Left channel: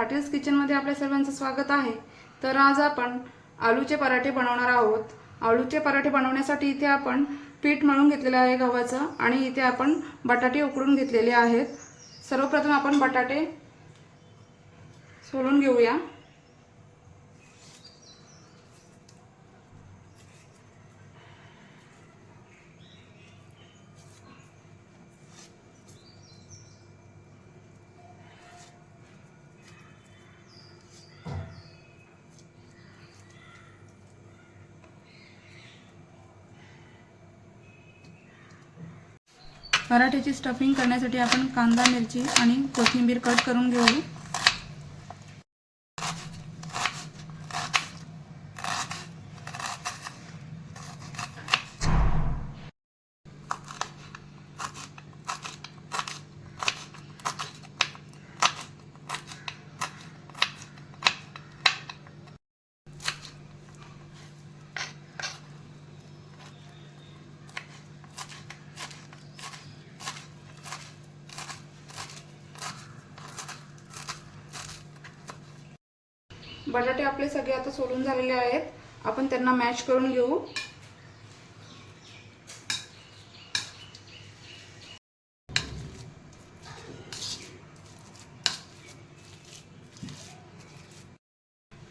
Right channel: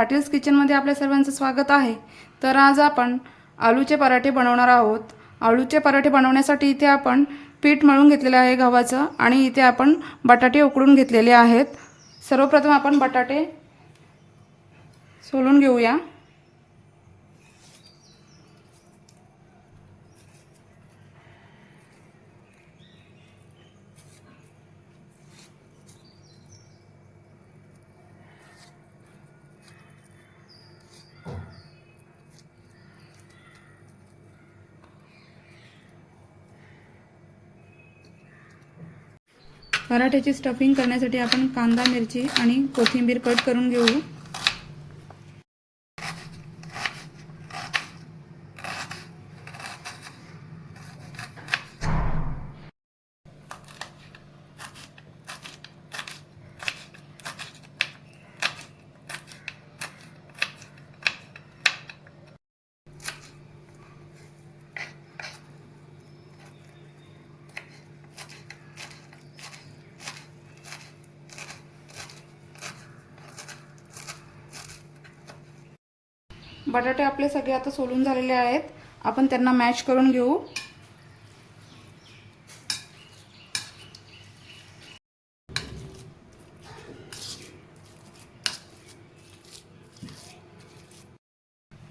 पाटील्स किचनमध्ये आपल्या सर्वांचं स्वागत आहे। तर आज आपण आलूचे पराठे बनवणार आहोत। आलूचे पराठे बनवण्यासाठी इथे आपण पीठ मळून घेतलेले आहे गव्हाचं आणि इथे आपण बटाटे उकडून घेतलेले आहेत। सर्वप्रथम आपण बटाटे सोलून घेऊया। पराठ्याची स्टफिंग करण्यासाठी आपण कांदा, मिरची आणि कोथिंबीर कट करून घेऊ। बटाटे आपले सगळे आता सोलून झालेले आहेत। आपण त्यांना मॅश करून घेऊ।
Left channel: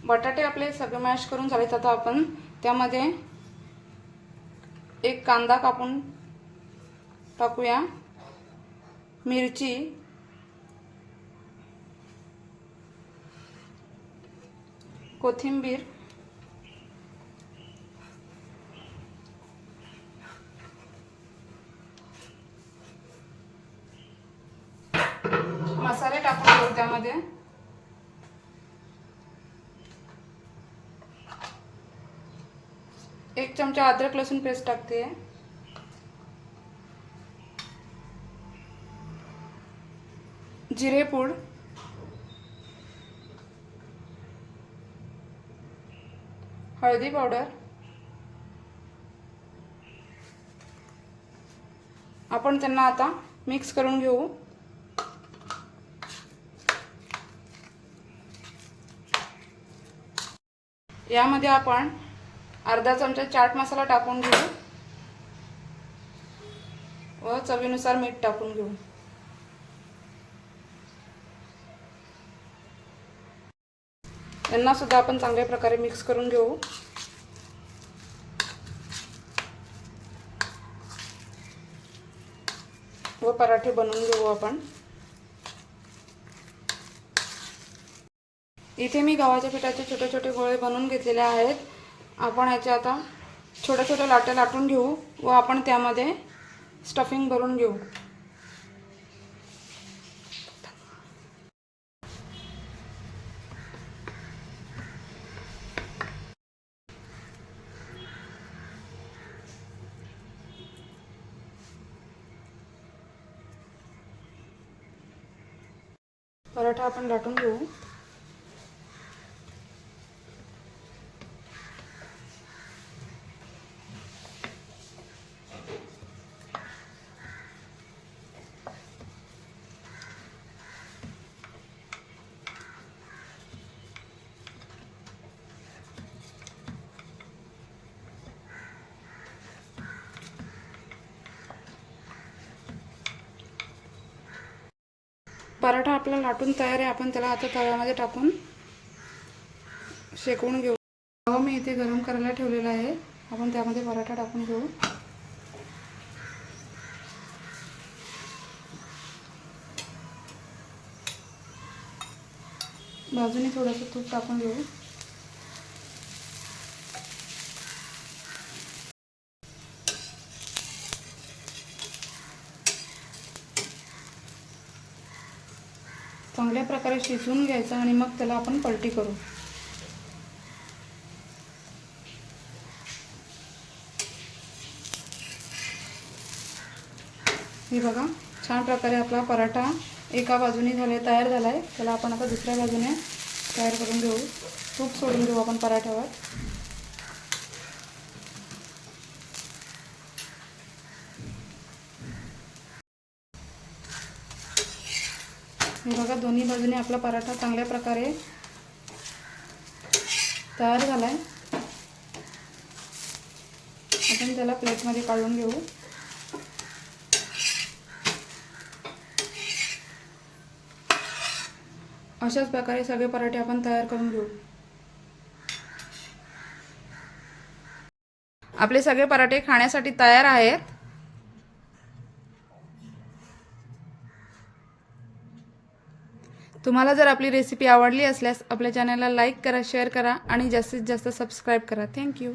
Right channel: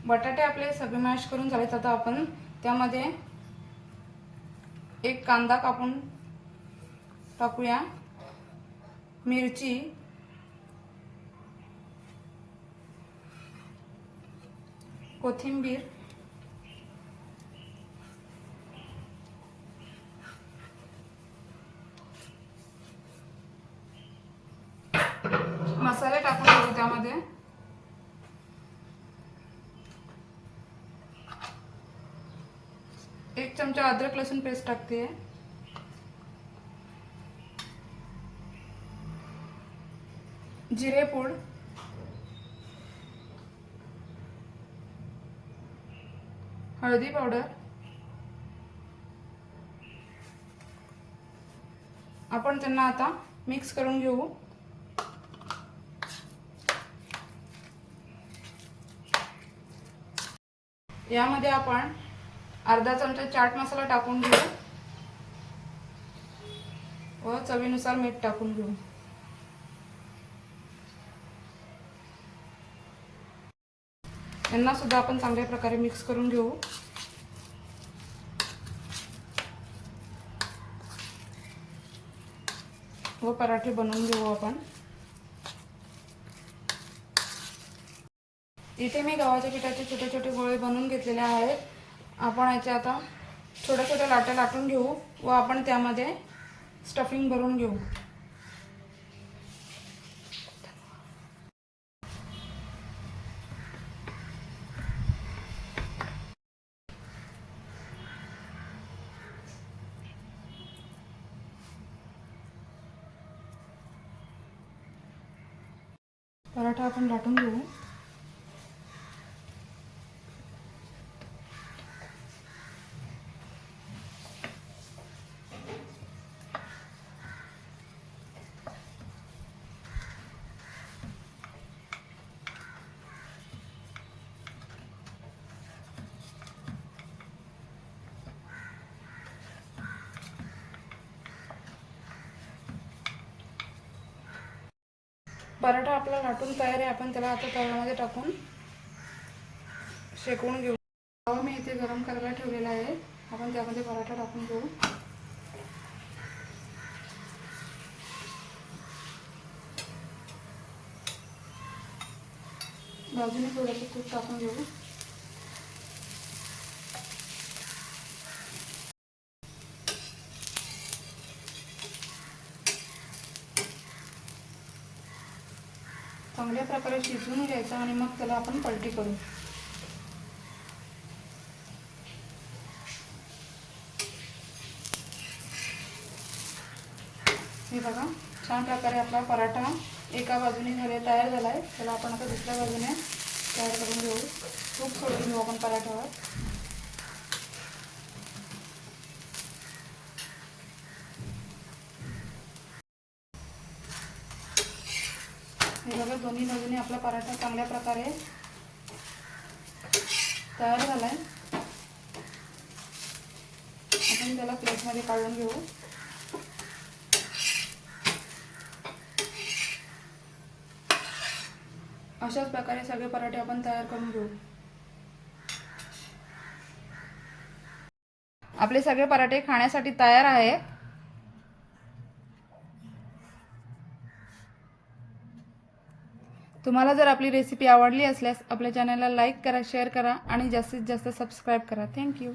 बटाटे आपले सगळे मॅश करून झालेत। आता आपण त्यामध्ये एक कांदा कापून टाकूया, मिरची, कोथिंबीर, मसाले टाकून घेऊ। त्यामध्ये एक चमचा अद्रक लसूण पेस्ट टाकते, जिरे पूड, हळदी पावडर। आपण त्यांना आता मिक्स करून घेऊ। यामध्ये आपण अर्धा चमचा चाट मसाला टाकून घेऊ व चवीनुसार मीठ टाकून घेऊ। यांना सुद्धा आपण चांगल्या प्रकारे मिक्स करून घेऊ। व पराठे बनवून घेऊ आपण। इथे मी गव्हाच्या पिठाचे छोटे छोटे गोळे बनवून घेतलेले आहेत। आपण याचे आता छोटे छोटे लाटे लाटून घेऊ व आपण त्यामध्ये स्टफिंग भरून घेऊ। पराठा आपण लाटून घेऊ। पराठा आपला लाटून तयार आहे। आपण त्याला आता तव्यामध्ये टाकून शेकवून घेऊ। तवा मी इथे गरम करायला ठेवलेला आहे। आपण त्यामध्ये पराठा टाकून घेऊ। बाजूने थोडंसं तूप टाकून घेऊ। चांगल्या प्रकारे शिजवून घ्यायचं आणि मग त्याला आपण पलटी करू। हे बघा, छान प्रकारे आपला पराठा एका बाजूने तयार झाला आहे। त्याला आपण आता दुसऱ्या बाजूने तयार करून घेऊ। तूप सोडून घेऊ आपण पराठ्यावर। हे बघा दोन्ही बाजूने आपला पराठा चांगल्या प्रकारे तयार झाला आहे. आपण त्याला प्लेटमध्ये काढून घेऊ. अशाच प्रकारे सगळे पराठे आपण तयार करून घेऊ. आपले सगळे पराठे खाण्यासाठी तयार आहेत. तुम्हाला जर आपली रेसिपी आवडली असल्यास आपल्या चॅनलला लाईक करा, शेअर करा आणि जास्तीत जास्त सबस्क्राईब करा. थँक्यू.